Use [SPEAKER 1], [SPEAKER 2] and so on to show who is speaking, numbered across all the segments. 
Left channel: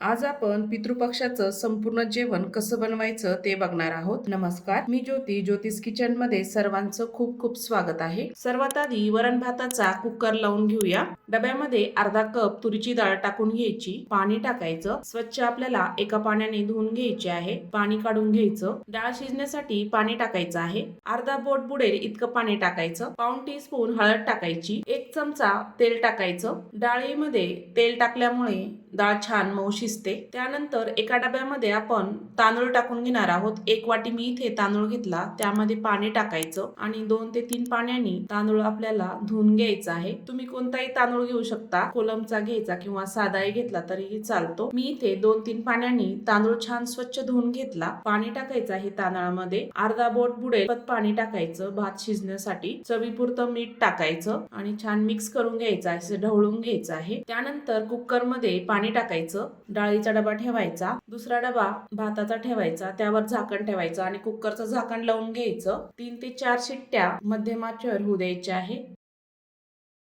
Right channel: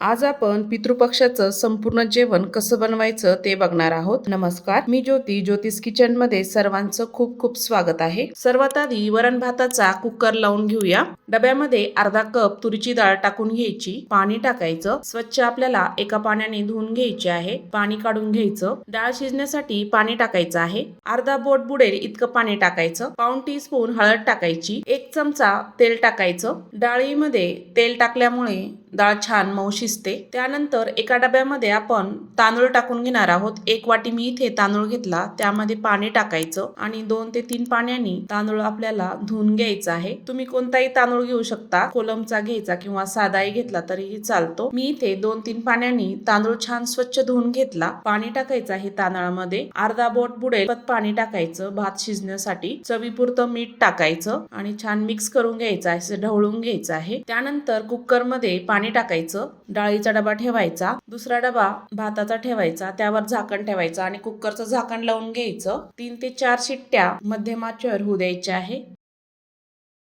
[SPEAKER 1] आज आपण पितृपक्षाचं संपूर्ण जेवण कसं बनवायचं ते बघणार आहोत. नमस्कार मी ज्योती. ज्योतिष किचनमध्ये सर्वांचं खूप खूप स्वागत आहे. सर्वात आधी वरण भाताचा कुकर लावून घेऊया. डब्यामध्ये अर्धा कप तुरीची डाळ टाकून घ्यायची. पाणी टाकायचं. स्वच्छ आपल्याला एका पाण्याने धुवून घ्यायचे आहे. पाणी काढून घ्यायचं. डाळ शिजण्यासाठी पाणी टाकायचं आहे. अर्धा बोट बुडेल इतकं पाणी टाकायचं. पाऊन टी स्पून हळद टाकायची. एक चमचा तेल टाकायचं. डाळीमध्ये तेल टाकल्यामुळे डाळ छान मऊशी शिजते त्यानंतर एका डब्यामध्ये आपण तांदूळ टाकून घेणार आहोत. एक वाटी मी इथे तांदूळ घेतला. त्यामध्ये पाणी टाकायचं आणि दोन ते तीन पाण्याने तांदूळ आपल्याला धुवून घ्यायचा आहे. तुम्ही कोणताही तांदूळ घेऊ शकता. कोलमचा घ्यायचा किंवा साधाही घेतला तरीही चालतो. मी इथे दोन तीन पाण्याने तांदूळ छान स्वच्छ धुवून घेतला. पाणी टाकायचं आहे तांदळामध्ये. अर्धा बोट बुडेल. पत पाणी टाकायचं. भात शिजण्यासाठी चवीपुरतं मीठ टाकायचं आणि छान मिक्स करून घ्यायचं आहे. असं ढवळून घ्यायचं आहे. त्यानंतर कुकरमध्ये पाणी टाकायचं. डाळीचा डबा ठेवायचा दुसरा डबा भाताचा ठेवायचा त्यावर झाकण ठेवायचं आणि कुकरचं झाकण लावून घ्यायचं. तीन ते चार शिट्ट्या मध्यम आचेवर होऊ द्यायच्या आहे.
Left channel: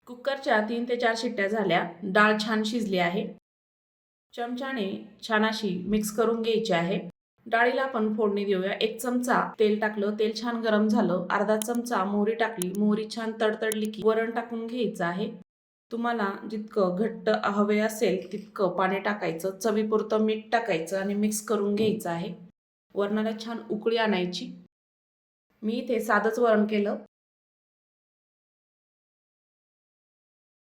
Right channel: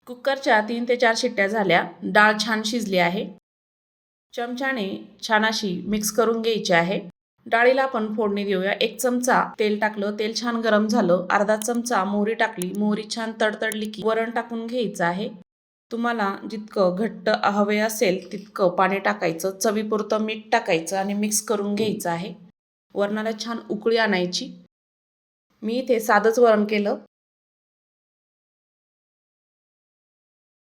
[SPEAKER 1] कुकरच्या तीन ते चार शिट्ट्या झाल्या. डाळ छान शिजली आहे. चमच्याने छान अशी मिक्स करून घ्यायची आहे. डाळीला आपण फोडणी देऊया. एक चमचा तेल टाकलं तेल छान गरम झालं. अर्धा चमचा मोहरी टाकली. मोहरी छान तडतडली की वरण टाकून घ्यायचं आहे. तुम्हाला जितकं घट्ट हवे असेल तितकं पाणी टाकायचं चवीपुरतं मीठ टाकायचं आणि मिक्स करून घ्यायचं आहे. वरणाला छान उकळी आणायची. मी इथे साधंच वरण केलं.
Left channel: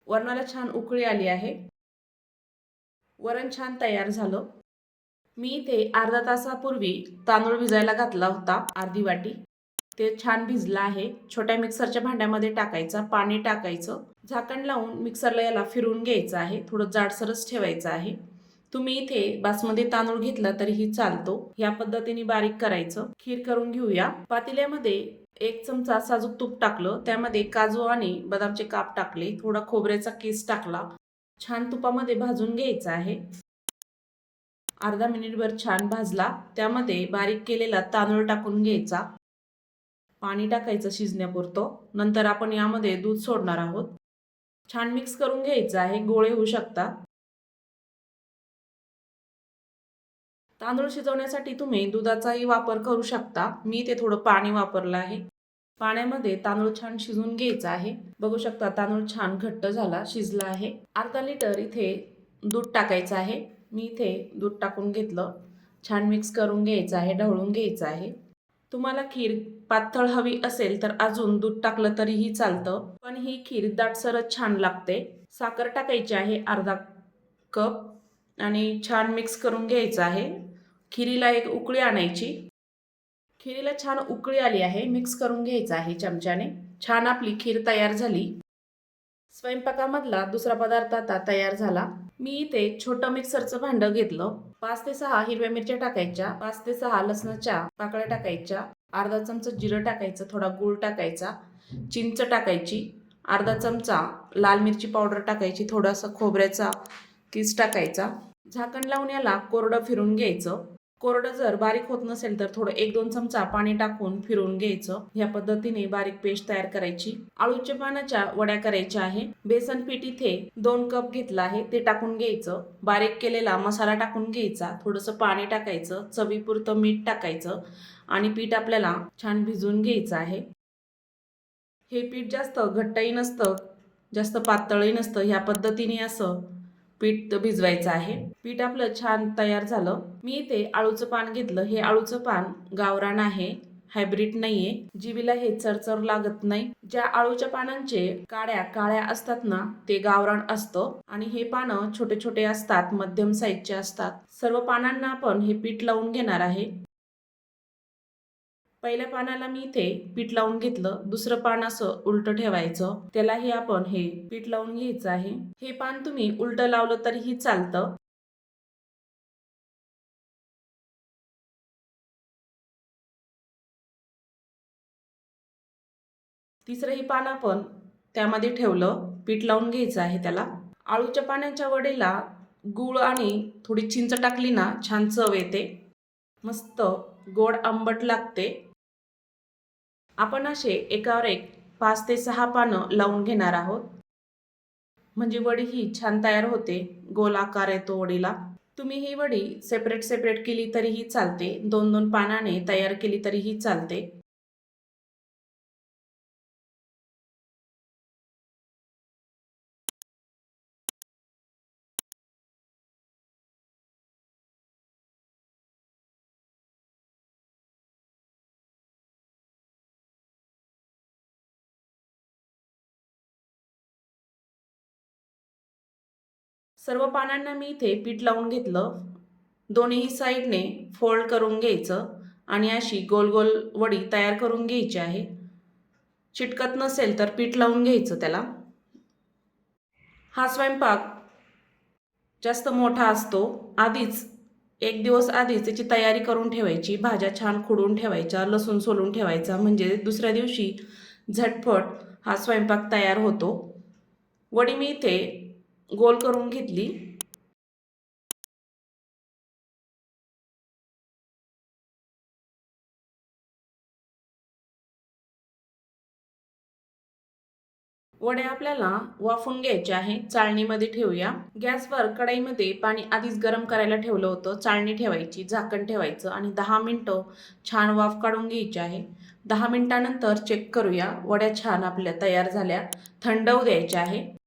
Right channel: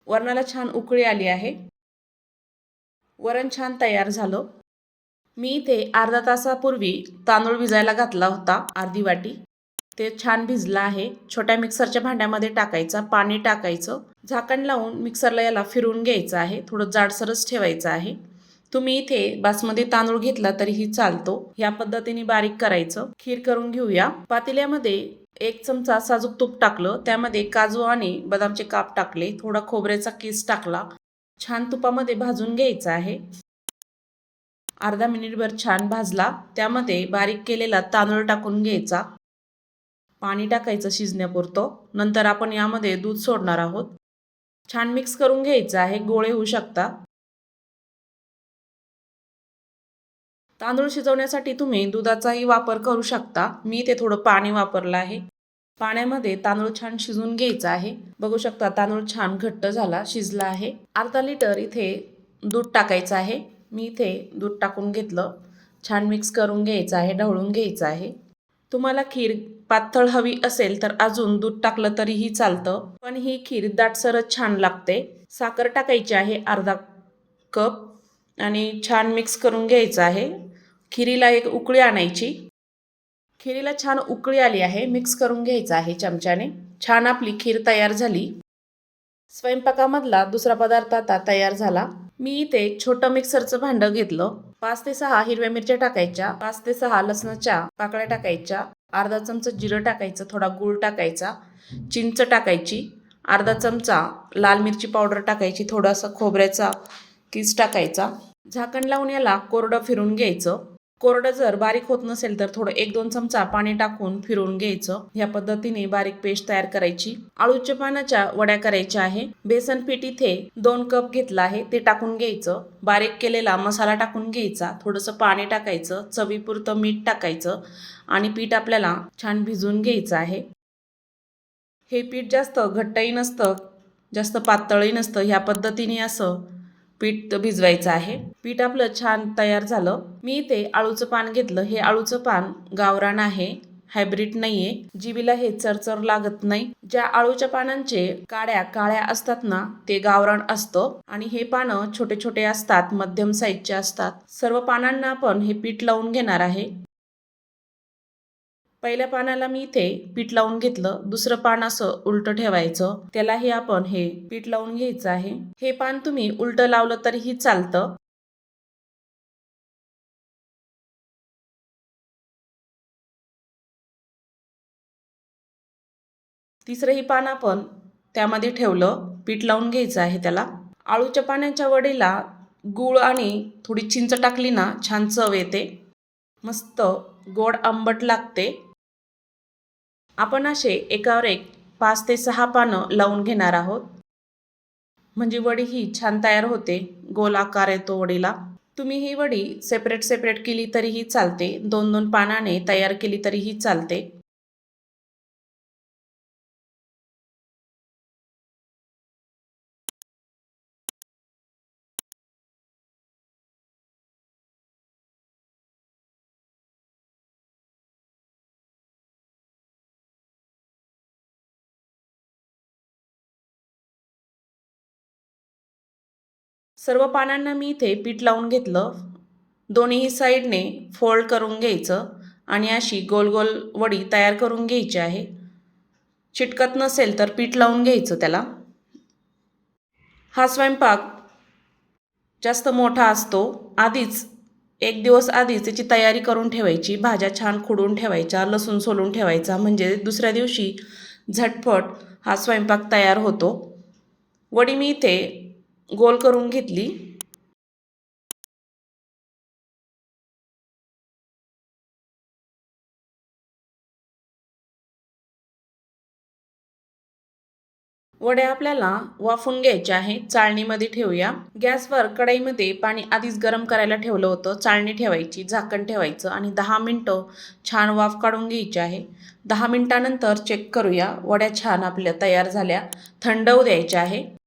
[SPEAKER 1] वरणाला छान उकळी आली आहे. वरण छान तयार झालं. मी इथे अर्धा तासापूर्वी तांदूळ भिजायला घातला होता अर्धी वाटी. ते छान भिजलं आहे. छोट्या मिक्सरच्या भांड्यामध्ये टाकायचा पाणी टाकायचं. झाकण लावून मिक्सरला याला फिरवून घ्यायचं आहे. थोडं जाडसरच ठेवायचं आहे. तुम्ही इथे बासमती तांदूळ घेतला तरीही चालतो. या पद्धतीने बारीक करायचं. खीर करून घेऊया. पातेल्यामध्ये एक चमचा साजूक तूप टाकलं. त्यामध्ये काजू आणि बदामचे काप टाकले. थोडा खोबऱ्याचा किस टाकला. छान तुपामध्ये भाजून घ्यायचा आहे. अर्धा मिनिटभर छान भाजला. त्यामध्ये बारीक केलेला तांदूळ टाकून घ्यायचा. पाणी टाकायचं शिजण्यापुरतं. नंतर आपण यामध्ये दूध सोडणार आहोत. छान मिक्स करून घ्यायचं आहे. गोळे होऊ शकता. तांदूळ शिजवण्यासाठी तुम्ही दुधाचाही वापर करू शकता. मी ते थोडं पाणी वापरलं आहे. पाण्यामध्ये तांदूळ छान शिजून घ्यायचा आहे. बघू शकता तांदूळ छान घट्ट झाला शिजला आहे. अर्धा लिटर इथे दूध टाकायचं आहे. मी इथे दूध टाकून घेतलं. छान मिक्स करून घ्यायचं आहे ढवळून घ्यायचं आहे. तुम्हाला खीर पातळ हवी असेल तर अजून दूध टाकलं तरीही चालतं पण ही खीर दाटसरच छान लागते. साखर टाकायची आहे अर्धा कप आणि छान मिक्स करून घ्यायचं आहे. खिरीला एक उकळी आणायची. खिरीला छान उकळी आली आहे मिक्स करून घ्यायचं आहे चमच्याने. छान आपली खीर तयार झाली. स्वयंपाकामधला दुसरा पदार्थ आता तयार झाला. मी इथे छोटं मिक्सरचं भांडं घेतलं. पाच ते सहा हिरव्या मिरच्या टाकायच्या. पाच ते सहा लसणाच्या पाकळ्या टाकायच्या. अर्धा चमचा जिरं टाकायचं थोडा गूळ टाकायचा. चिंच टाकायची. अर्धा चमचा लाल मिरची पावडर टाकायची थोडासा खोबऱ्याचा किस टाकायचा. झाकण लावून याला कोरडं फिरून घ्यायचं. कोरडं जर बारीक होत नसेल तर थोडं एक दोन चमचा पाणी टाकून फिरवून घ्यायचं. ह्या पद्धतीने बारीक पेस्ट तयार करायची. आळूच्या पानाच्या वड्या करायच्या आहे. बेसन पीठ इथे दोन कप घेतला आहे. ते टाकून घ्यायचं. बारीक केलेला मसाला टाकून घ्यायचा. थोडंसं पाणी टाकायचं. चवीपुरतं मीठ टाकायचं. आणि पीठ आपल्याला छान भिजवून घ्यायचं आहे. हे पीठ जास्त घट्टही नसतं जास्त पातळही नसतं. ह्या पद्धतीने असं पीठ भिजवायचं आहे. पीठ आपलं छान तयार झालं. मी इथे आळूचं पान घेतलं. हे आळूचं पान गावरान आहे. हायब्रिड नाहीये. जीबीला हे चरचर लागत नाही. ज्या आळूच्या पानांचे काड्या काळ्या असतात ना ते गावरान असतं. आणि हे पानं छोटे छोटे असतात. मध्यम साईजचे असतात. सर्व पानांना आपण हे पीठ लावून घेणार आहे. पहिल्या पानाला मी इथे पीठ लावून घेतलं. दुसरं पान असं उलटं ठेवायचं. त्यालाही आपण हे पीठ लावून घ्यायचं आहे. हे पान तुम्ही उलटं लावलं तरीही चालतं. तिसरंही पान आपण त्यामध्ये ठेवलं. पीठ लावून घ्यायचं आहे त्याला. आळूच्या पाण्याच्या वडीला गूळ आणि थोडी चिंच टाकली ना छान चव येते. मस्त गोड आंबट लागते. आपण असे एकावर एक पाच ते सहा पानं लावून घेणार आहोत. म्हणजे वडी ही छान तयार होते. गोल आकार येतो वडीला. तुम्ही ही वडी सेपरेट सेपरेट केली तरीही चालते. दोन दोन पानाने तयार केली तरीही चालते. सर्व पानांना मी इथे पीठ लावून घेतलं. दोन्ही साईडने फोल्ड करून घ्यायचं आणि अशी गोल गोल वडी तयार करून घ्यायची आहे. चिटकत नसेल तर पीठ लावून घ्यायचं त्याला. हा स्वयंपाक जास्त मोठा असतो. आधीच एक दिवस आधीच त्याची तयारी करून ठेवायची. भाज्या छान खुडून ठेवायच्या लसूण सोलून ठेवायचा. म्हणजे दुसऱ्या दिवशी झटपट हा स्वयंपाक तयार होतो. वडी मी इथे गोल करून घेतली. वड्या आपल्याला वाफून घ्यायच्या आहे चाळणीमध्ये ठेवूया. गॅसवर कढईमध्ये पाणी आधीच गरम करायला ठेवलं होतं. चाळणी ठेवायची झाकण ठेवायचं आणि दहा मिनटं छान वाफ काढून घ्यायची आहे. दहा मिनटानंतर चेक करूया. वड्या छान आपल्या तयार झाल्या. थंड होऊ द्यायच्या आहे.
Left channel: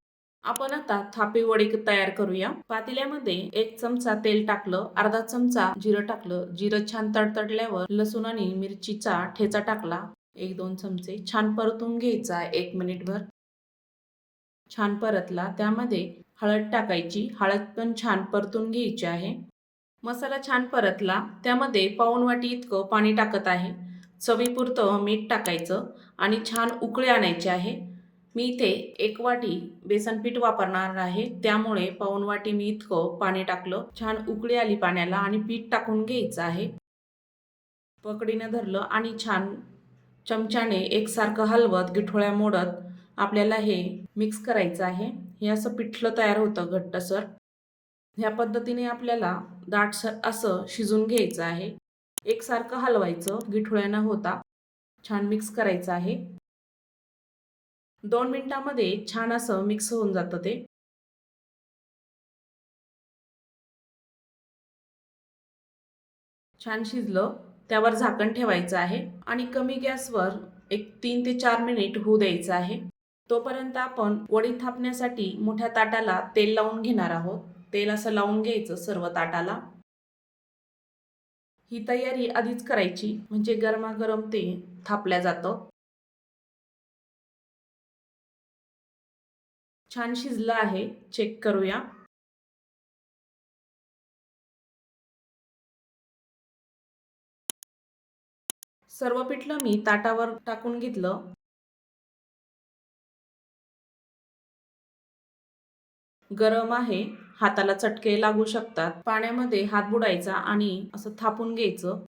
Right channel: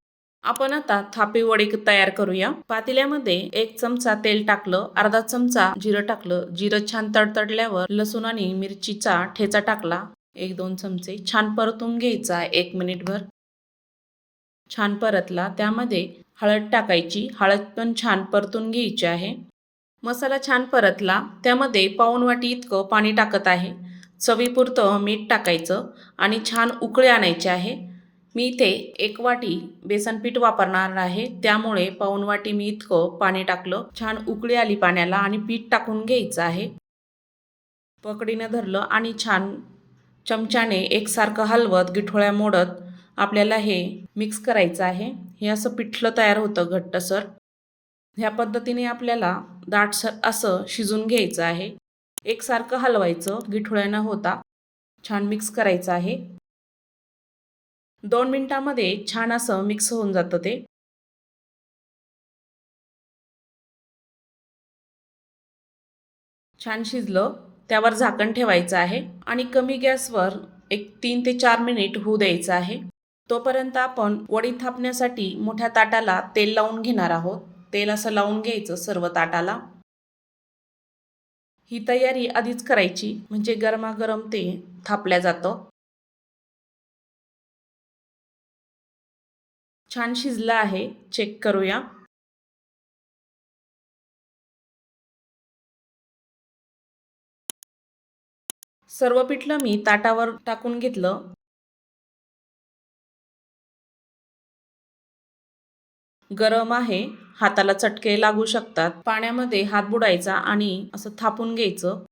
[SPEAKER 1] आपण आता थापी वडी तयार करूया. पातेल्यामध्ये एक चमचा तेल टाकलं अर्धा चमचा जिरं टाकलं जिरं छान तडतडल्यावर लसूण आणि मिरचीचा ठेचा टाकला. एक दोन चमचे छान परतून घ्यायचा एक मिनिटभर. छान परतला त्यामध्ये हळद टाकायची. हळद पण छान परतून घ्यायची आहे. मसाला छान परतला त्यामध्ये पाऊण वाटी इतकं पाणी टाकत आहे. चवीपुरतं मीठ टाकायचं आणि छान उकळे आणायचे आहे. मी इथे एक वाटी बेसन पीठ वापरणार आहे. त्यामुळे पाऊन वाटी मी इतकं पाणी टाकलं. छान उकळी आली पाण्याला आणि पीठ टाकून घ्यायचं आहे. पकडीनं धरलं आणि छान चमच्याने एकसारखं हलवत गिठोळ्या मोडत आपल्याला हे मिक्स करायचं आहे. हे असं पिठलं तयार होतं घट्टसर. ह्या पद्धतीने आपल्याला दाटसर असं शिजून घ्यायचं आहे. एकसारखं हलवायचं गिठोळ्या न होता छान मिक्स करायचं आहे. दोन मिनिटामध्ये छान असं मिक्स होऊन जातं ते. छान शिजलं त्यावर झाकण ठेवायचं आहे आणि कमी गॅसवर एक तीन ते चार मिनिट होऊ द्यायचं आहे. तोपर्यंत आपण वडी थापण्यासाठी मोठ्या ताटाला तेल लावून घेणार आहोत. तेल असं लावून घ्यायचं सर्व ताटाला. ही तयारी आधीच करायची म्हणजे गरमागरम ते थापल्या जातं. छान शिजलं आहे. चेक करूया. सर्व पिठलं मी ताटावर टाकून घेतलं. गरम आहे. हाताला चटके लागू शकतात. पाण्यामध्ये हात बुडायचा आणि असं थापून घ्यायचं.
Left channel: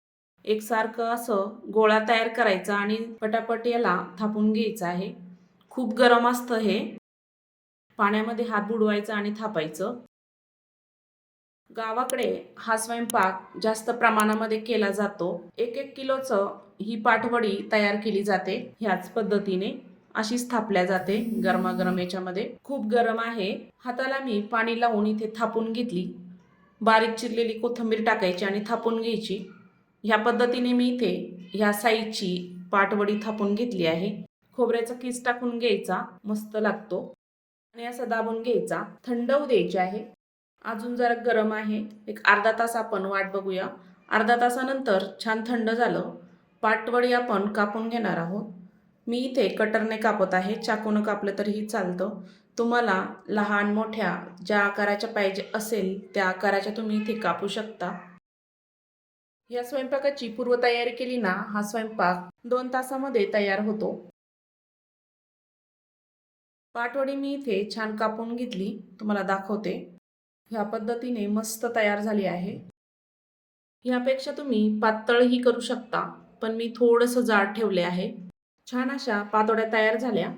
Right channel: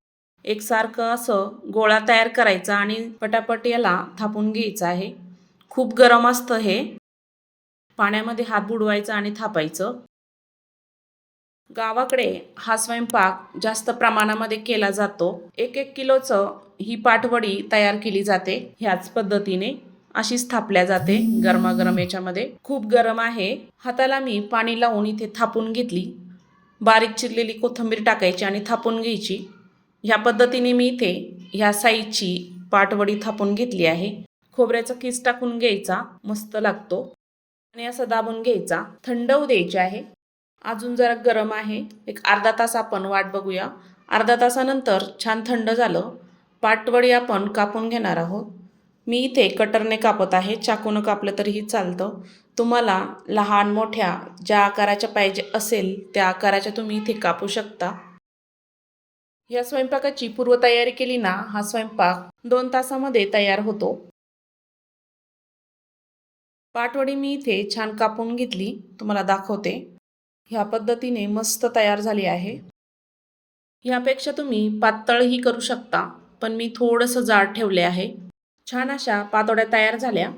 [SPEAKER 1] एकसारखं असं गोळा तयार करायचा आणि पटापट याला थापून घ्यायचं आहे. खूप गरम असतं हे. पाण्यामध्ये हात बुडवायचा आणि थापायचं. गावाकडे हा स्वयंपाक जास्त प्रमाणामध्ये केला जातो. एक एक किलोचं ही पाटवडी तयार केली जाते. ह्याच पद्धतीने अशीच थापल्या जाते गरमागरम याच्यामध्ये. खूप गरम आहे. हाताला मी पाणी लावून इथे थापून घेतली. बारीक चिरलेली कोथिंबीर टाकायची आणि थापून घ्यायची. ह्या पद्धतीने मी इथे ह्या साईजची पाटवडी थापून घेतली आहे. खोबऱ्याचा किस टाकून घ्यायचा. मस्त लागतो. आणि असं दाबून घ्यायचा. थंड होऊ द्यायचे आहे. अजून जरा गरम आहे. एक अर्धा तास आपण वाट बघूया. अर्धा तासानंतर छान थंड झालं. पाटवडी आपण कापून घेणार आहोत. मी इथे कटरने कापत आहे. चाकूनं कापलं तरीही चालतं. तुम्हाला लहान मोठ्या ज्या आकाराच्या पाहिजे असेल त्या आकाराच्या तुम्ही इथे कापू शकता. या स्वयंपाकाची पूर्वतयारी केली ना हा स्वयंपाक दोन तासामध्ये तयार होतो. पाटवडी मी इथे छान कापून घेतली. तुम्हाला दाखवते. ह्या पद्धतीने मस्त तयार झाली आहे. ह्यापेक्षा तुम्ही पातळही करू शकता पण मी थोडंसं जाड ठेवले आहे. छान अशा पातोड्या तयार झाल्या.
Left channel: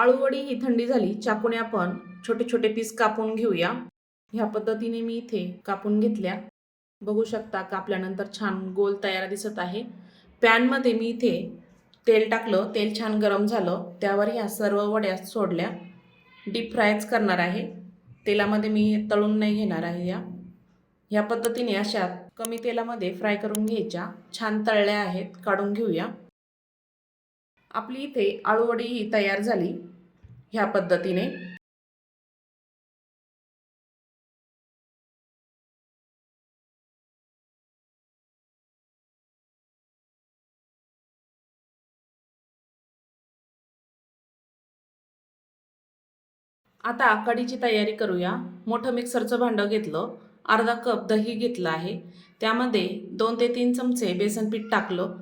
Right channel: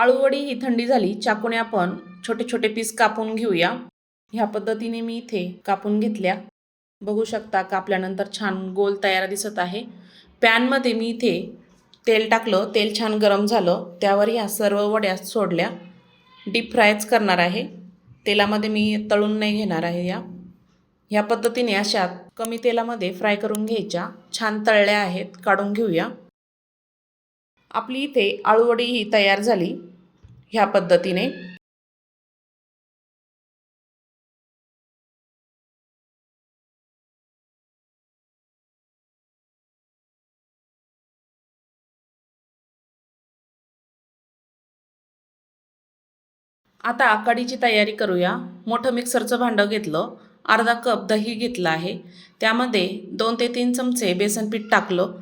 [SPEAKER 1] आळूवडी ही थंडी झाली चाकूने आपण छोटे छोटे पीस कापून घेऊया. ह्या पद्धतीने मी इथे कापून घेतल्या. बघू शकता कापल्यानंतर छान गोल तयार दिसत आहे. पॅनमध्ये मी इथे तेल टाकलं तेल छान गरम झालं. त्यावर ह्या सर्व वड्या सोडल्या. डीप फ्रायच करणार आहे. तेलामध्ये मी तळून नाही घेणार आहे या. ह्या पद्धतीने अशा कमी तेलामध्ये फ्राय करून घ्यायच्या. छान तळल्या आहेत काढून घेऊया. आपली इथे आळूवडी ही तयार झाली. ह्या पद्धतीने. आता आकाडीची तयारी करूया. मोठं मिक्सरचं भांडं घेतलं. अर्धा कप दही घेतलं आहे. त्यामध्ये दोन ते तीन चमचे बेसन पीठ टाकलं.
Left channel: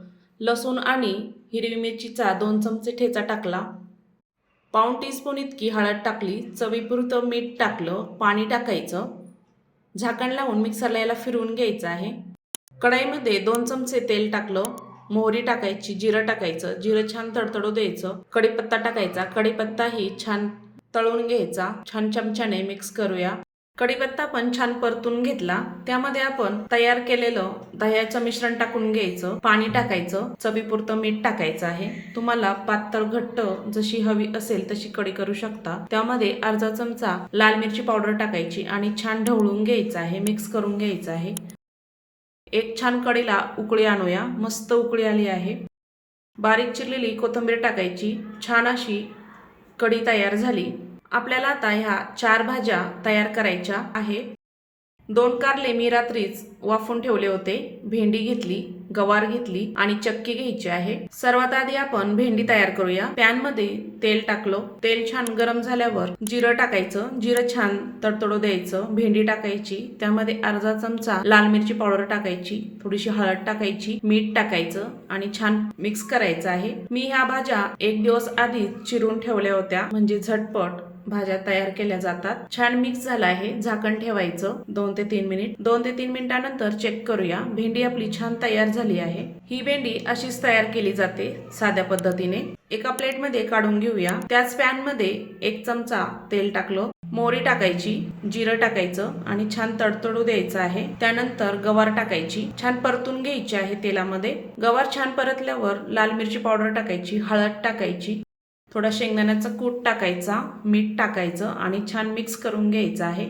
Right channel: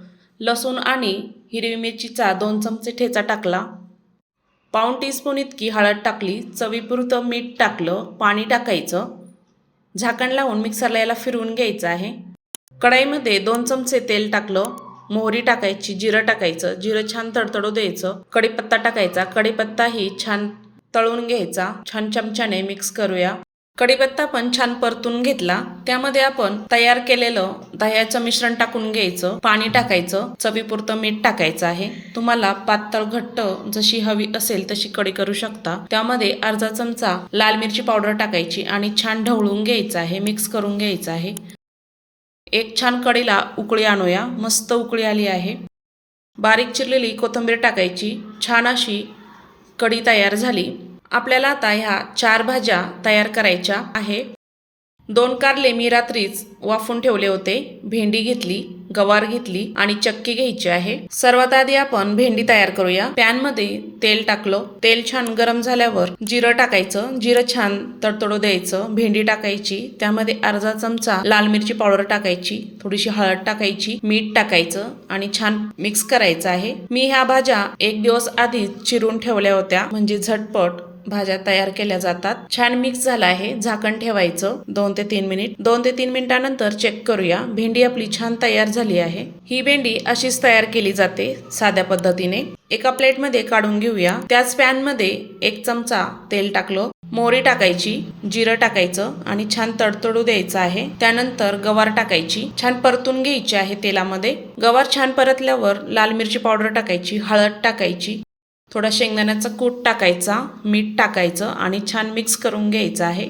[SPEAKER 1] लसूण आणि हिरवी मिरचीचा दोन चमचे ठेचा टाकला. पाऊण टीस्पून इतकी हळद टाकली चवीपुरतं मीठ टाकलं पाणी टाकायचं. झाकण लावून मिक्सरला याला फिरवून घ्यायचं आहे. कढईमध्ये दोन चमचे तेल टाकलं मोहरी टाकायची जिरं टाकायचं जिरं छान तडतडू द्यायचं. कढीपत्ता टाकायचा कढीपत्ताही छान तळून घ्यायचा. छान चमच्याने मिक्स करूया. कढीपत्ता पण छान परतून घेतला. त्यामध्ये आपण तयार केलेलं दह्याचं मिश्रण टाकून घ्यायचं पाणी टाकायचं चवीपुरतं मीठ टाकायचं आहे. तुम्हाला पातळ घट्ट जशी हवी असेल तशी कढी करू शकता. त्यामध्ये अर्धा चमचा लाल मिरची पावडर टाकायची आणि छान ढवळून घ्यायचं आहे मिक्स करून घ्यायचं आहे. एक छान कढीला उकळी आणूया मस्त उकळी आली आहे. बारीक चिरलेली कोथिंबीर टाकायची छान अशी कढी तयार झाली. आपल्याला आता ह्या चार भाज्या तयार करायच्या आहे. दोन कारले मी रात्रीच वाफून ठेवले होते. भेंडी घेतली गवार घेतली आणि चक्की घ्यायची आहे. सर्वात आधी आपण भेंडी तयार करूया. पॅनमध्ये तेल टाकलं. तेल छान गरम झाल्यावर जिरं टाकायचं. जिरं छान तडतडू द्यायचं. भेंडी टाकायची. त्यामध्ये अर्धा चमचा लाल मिरची पावडर टाकायची. थोडीशी हळद टाकायची. मीठ टाकायचं आणि छान मिक्स करायचं आहे. मी ह्या भाज्या एक दिवस आधी चिरून ठेवल्या होत्या. म्हणजे झटपट भाज्या तयार केल्या जातात. छान मिक्स झाला आहे. झाकण ठेवायचं. दोन ते तीन मिनिट दोन ते तीन मिनिटानंतर चेक करूया. भेंडी आपली छान तयार झाली आहे. ही भेंडी अशीच तयार केली जाते साध्या पद्धतीने. एका प्लेटमध्ये काढून घेऊया. त्याच पॅनमध्ये एक चमचा तेल टाकलं. मोहरी टाकायची जिरं टाकायचं आणि छान तडतडू द्यायचं आहे. त्यानंतर गवार टाकायची. छान परतून घ्यायची आहे तेलामध्ये. गवार छान परतल्यावर लाल मिरची पावडर टाकायची हळद टाकायची. थोडा शेंगदाण्याचा कूट टाकायचा मीठ टाकायचं आणि छान मिक्स करून घ्यायचं आहे.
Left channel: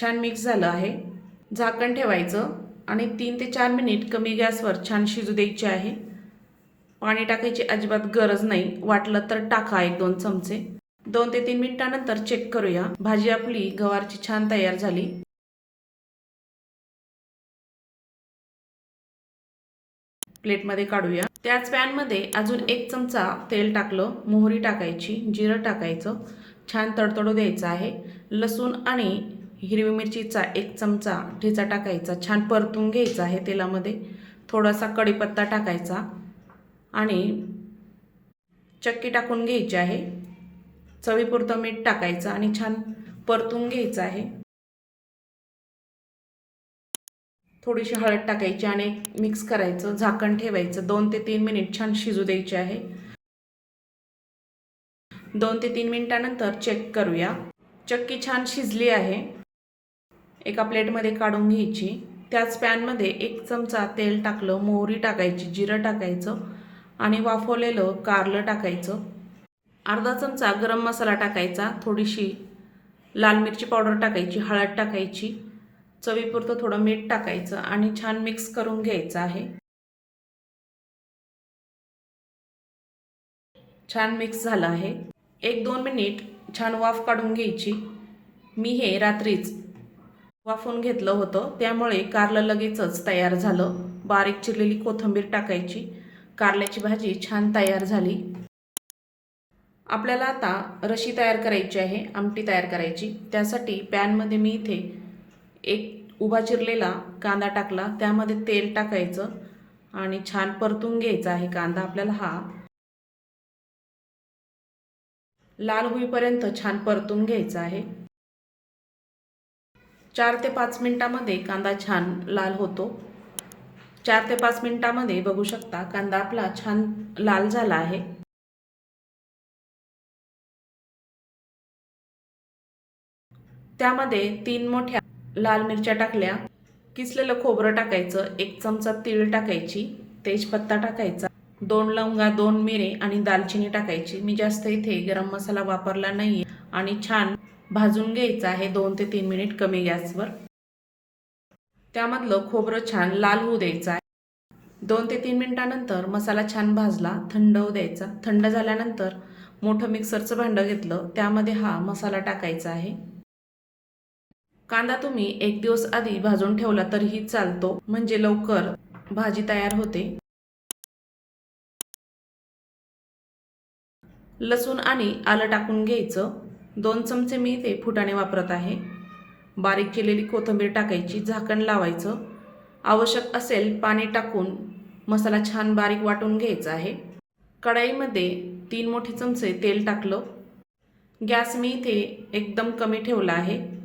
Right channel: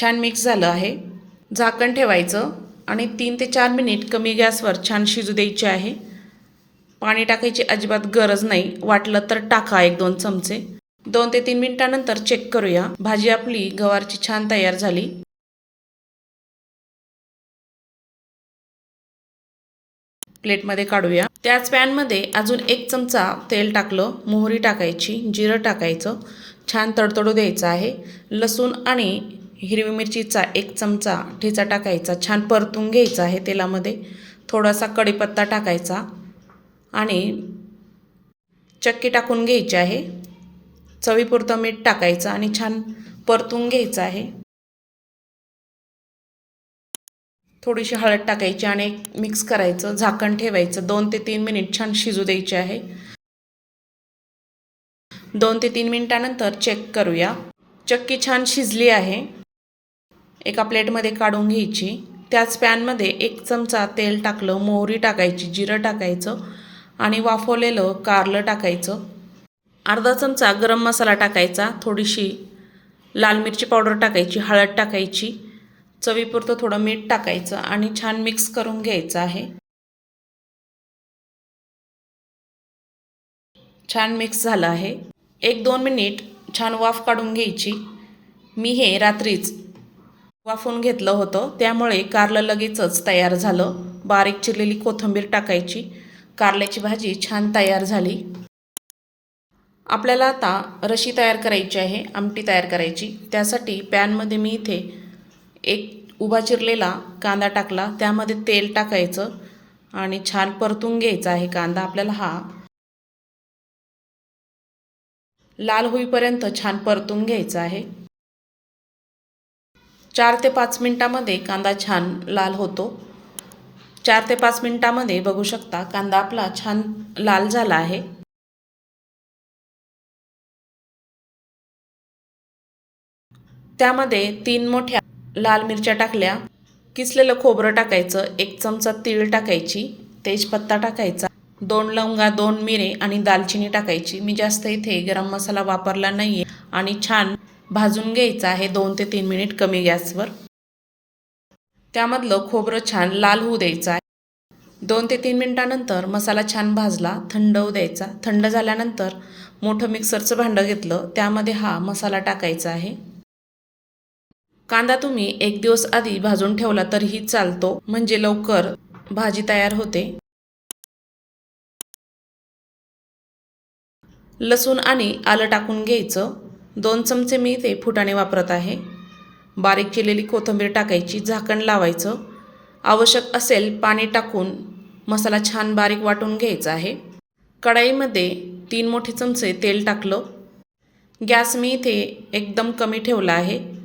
[SPEAKER 1] छान मिक्स झालं आहे. झाकण ठेवायचं आणि तीन ते चार मिनिट कमी गॅसवर छान शिजू द्यायचे आहे. पाणी टाकायची अजिबात गरज नाही. वाटलं तर टाका एक दोन चमचे. दोन ते तीन मिनिटानंतर चेक करूया. भाजी आपली गवारची छान तयार झाली. प्लेटमध्ये काढूया. त्याच पॅनमध्ये अजून एक चमचा तेल टाकलं मोहरी टाकायची जिरं टाकायचं छान तडतडू द्यायचं आहे. लसूण आणि हिरवी मिरचीचा एक चमचा ठेचा टाकायचा छान परतून घ्यायचा आहे तेलामध्ये. थोडासा कढीपत्ता टाकायचा आणि चक्की टाकून घ्यायची आहे. चवीपुरतं मीठ टाकायचं आणि छान परतून घ्यायचं आहे. थोडीशी हळद टाकायची आणि मिक्स करायचं झाकण ठेवायचं. दोन ते तीन मिनिट छान शिजू द्यायचे आहे. दोन ते तीन मिनिटानंतर चेक करूया. चक्की छान शिजली आहे. एका प्लेटमध्ये काढून घ्यायची. त्याच पॅनमध्ये एक चमचा तेल टाकलं मोहरी टाकायची जिरं टाकायचं आणि वाफवलेलं कारलं टाकायचं. अर्धा चमचा गरम मसाला टाकायचा थोडीशी लाल मिरची पावडर टाकायची हळद टाकायची. चवीपुरतं थोडं मीठ टाकायचं आणि छान मिक्स करून घ्यायचं आहे. छान मिक्स झालं आहे. एक दोन मिनिट छान वाफ काढून घ्यायची. मी हे रात्रीच वाफून घेतलं होतं त्यामुळे कारलं लगेचच तयार झालं. बारीक चिरलेली कोथिंबीर टाकायची. कारल्याची भाजी छान तयार झाली. आपल्याला आता रशी तयार करायची आहे आमटी तयार करायची. त्यासाठी पॅनमध्ये मी इथे एक उभा चिरलेला कांदा टाकला. त्यामध्ये तेल टाकायचं आणि छान परतून घ्यायचा आहे कांदा. आपल्याला हा लाल होईपर्यंत छान परतून घ्यायचा आहे. चार ते पाच मिनटामध्ये कांदा छान लाल होतो. चार ते पाच मिनटामध्ये बघू शकता कांदा आपला छान लाल झाला आहे. त्यामध्ये तीन मोठ्या लाल मिरच्या टाकल्या किसलेलं खोबरं टाकायचं एक चमचा तीळ टाकायची तेजपत्ता टाकायचा दोन लवंगा दोन मिरे आणि दालचिनी टाकायची. मी जास्त इथे गरम मसाला वापरला नाही आहे आणि छान भाजून घ्यायचं आहे दोन ते तीन मिनिट कमी गॅसवर. त्यामधलं खोबरं छान लाल होऊ द्यायचं आहे. दोन ते तीन मिनिटानंतर मसाला छान भाजला थंड होऊ द्यायचा. थंड झाल्यानंतर मोठं मिक्सरचं भांडं घेतलं त्यामध्ये हा मसाला टाकायचा आहे. कांदा तुम्ही एक दिवस आधी भाजून ठेवला तरीही चालतो. म्हणजे लवकर भाजी तयार होते. लसूण आणि आलं टाकून घ्यायचं. दोन चमचे मी ते फुटाणे वापरत आहे. बारीक केलेली कोथिंबीर टाकायची झाकण लावायचं. आवश्यक असेल पाणी टाकून मसाला छान बारीक वाटून घ्यायचा आहे. कढाईमध्ये तीन मोठे चमचे तेल टाकलं. गॅस मी इथे एकदम कमी ठेवला आहे.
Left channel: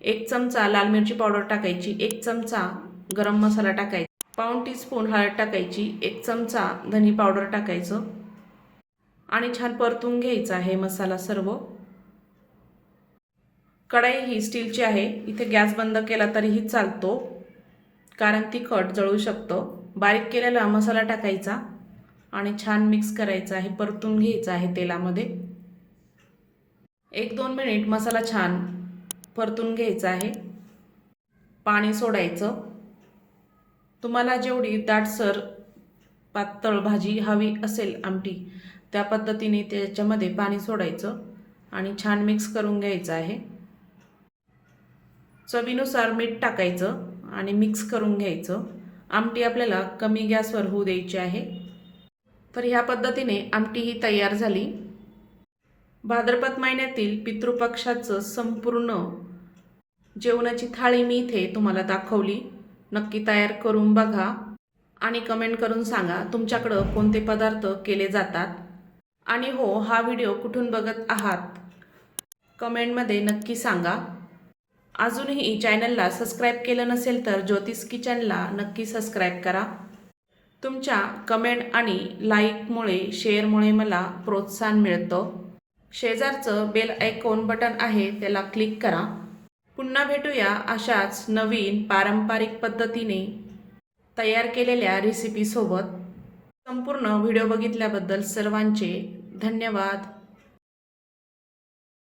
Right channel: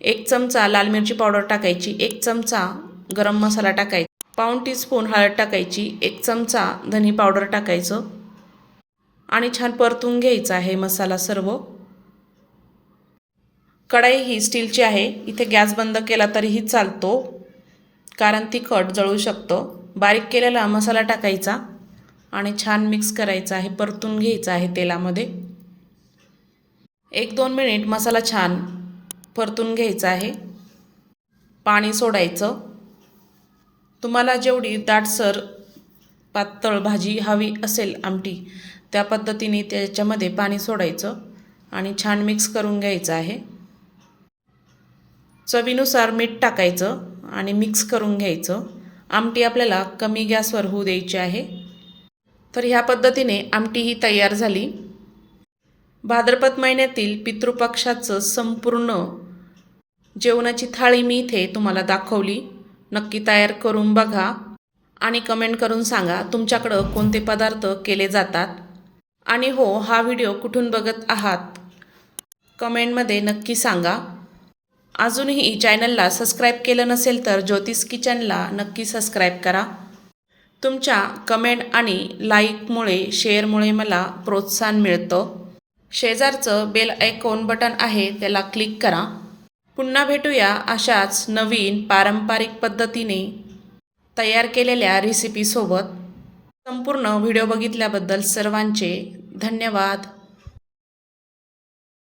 [SPEAKER 1] एक चमचा लाल मिरची पावडर टाकायची एक चमचा गरम मसाला टाकायचा पाऊण टीस्पून हळद टाकायची एक चमचा धनी पावडर टाकायचं आणि छान परतून घ्यायचा आहे मसाला सर्व. कढाई ही स्टीलची आहे इथे गॅस बंद केला तरीही चालतो कारण तिखट जळू शकतं. बारीक केलेला मसाला टाकायचा आणि छान मिक्स करायचा आहे परतून घ्यायचा आहे तेलामध्ये. एक दोन मिनिट मसाला छान परतून घ्यायचं आहे. पाणी सोडायचं. तुम्हाला जेवढी दाटसर पातळ भाजी हवी असेल आमटी त्या पद्धतीने त्याच्यामध्ये पाणी सोडायचं आणि छान मिक्स करून घ्यायचं आहे. चवीनुसार मीठ टाकायचं आणि मिक्स करून घ्यायचं. आमटी आपल्याला कमी गॅसवर होऊ द्यायची आहे. तर ह्या पद्धतीने आमटी ही तयार झाली. भाद्रपद महिन्यातील पितृपक्षाचं संपूर्ण जेवणाची थाळी मी इथे तुम्हाला दाखवली. नक्की तयार करून बघा आणि कमेंट करून सांगा तुमच्याकडं कोणते पदार्थ केले जातात. आणि हो हा व्हिडिओ कुठून बघत आहात? कमेंटमध्ये नक्की सांगा. अजूनही चॅनलला सबस्क्राईब केलं नसेल तर ज्योतिष किचनला नक्की सबस्क्राईब करा. तुमच्या कमेंट आणि लाईकमुळे शेअरमुळे मला प्रोत्साहन मिळतं. शेजारचं बेल आयकॉन बटन आहे त्याला क्लिक करा. पुन्हा भेटूया अशाच नवीन पारंपरिक पद्धतीने तयार केलेल्या रेसिपीसोबत संपूर्ण व्हिडिओ बघितल्याबद्दल सर्वांचे धन्यवाद.